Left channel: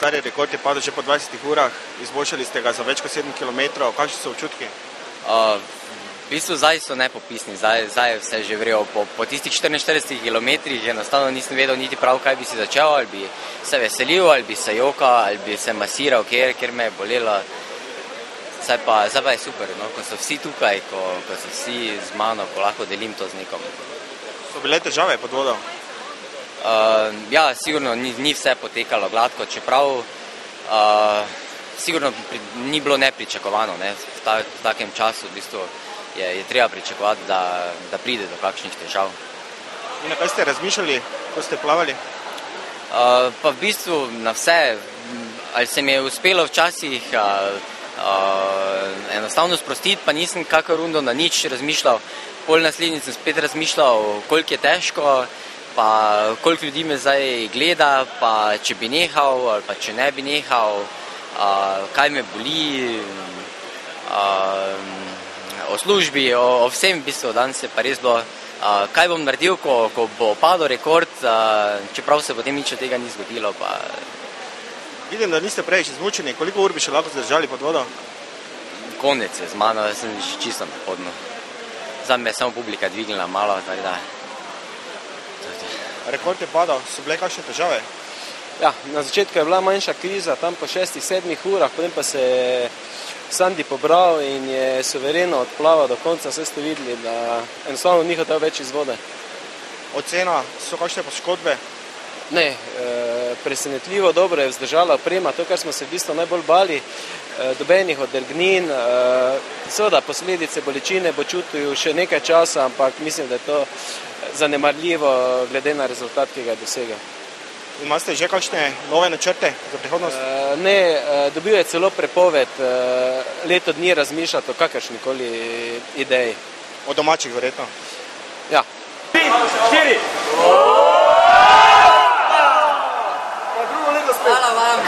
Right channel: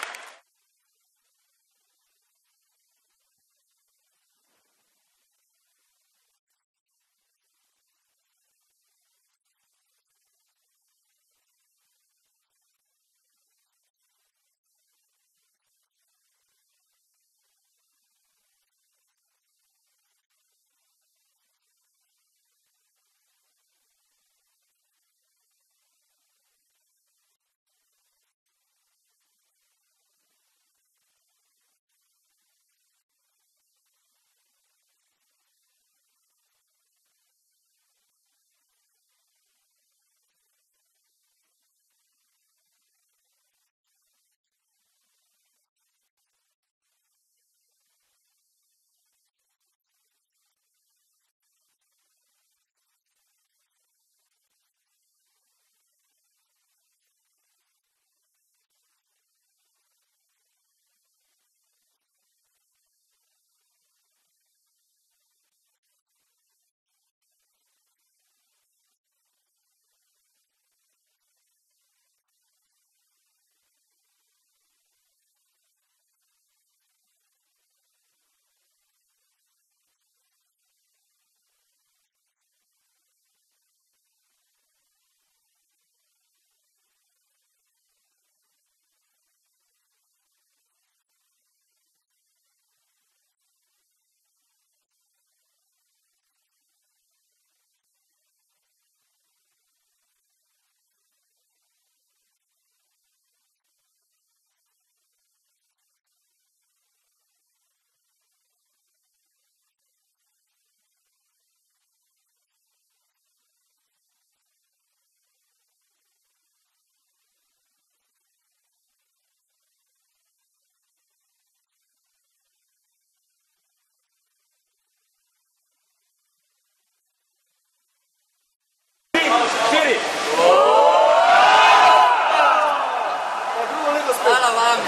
stari rekord je padel že po 20 urah, izboljšali ste ga za več kot 7 km, kakšni so občutki? V bistvu zdaj so nepopisni, zdaj je vse že vrelo. Po tistih 44 kilometrih enostavno nisem vedel niti prav, kaj bi si začel, ali bi se veselil, ali bi se jokal, ali bi se masiral, kjer me je bolelo. Zdaj pa je super, no? Ko so vsi tukaj, ko so vsi z mano, ko lahko delim to z nekom. So bile težave pod vodo? Ja, sigurno ni vse potekalo gladko, čeprav sigurno ni bilo nepričakovano, ne? V takem času v bistvu je treba pričakovati, da pride do kakšnih težav. In na kaj ste razmišljali, ko ste plavali? Pa v bistvu na vse. Ali se mi je uspelo včasih enostavno sprostiti, pa nisem kakor rundo na nič razmišljal. Pol naslednjič sem spet razmišljal, koliko je težko, pa koliko ljudi me zdaj gleda, pa če bi nehal ali pa če ne bi nehal, kaj me boli, o službi, o vsem v bistvu. Danes je pa res bilo, kaj bom naredil, ko bo padel rekord, čeprav se potem nič od tega ni zgodilo. Vidim, da niste preveč izmučeni, koliko ur bi še lahko zdržali pod vodo? Konec je z mano, da sem čisto na podnu. Zdaj me je samo publika dvignila malo, tako da. Rekord je padal, so bile kakšne težave? Ja, na začetku je bila manjša kriza, tam po 6-7 urah, potem pa se je Sandi pobral in je suvereno odplaval do konca, vse ste videli, da enostavno ni hotel več iz vode. Ocena, so kakšne poškodbe? Ne, presenetljivo dobro je vzdržala oprema, to, kar smo se v bistvu najbolj bali, dobenih odrgnin, seveda posledice bolečine bo čutil še nekaj časa, ampak mislim, da je to zanemarljivo glede na rezultat, ki ga je dosegel. Imate že kakšne nove načrte za prihodnost? Ne, dobil je celo prepoved, leto dni razmišljati o kakršnikoli ideji. O domačih verjetno? Ja. 4! Hvala vam!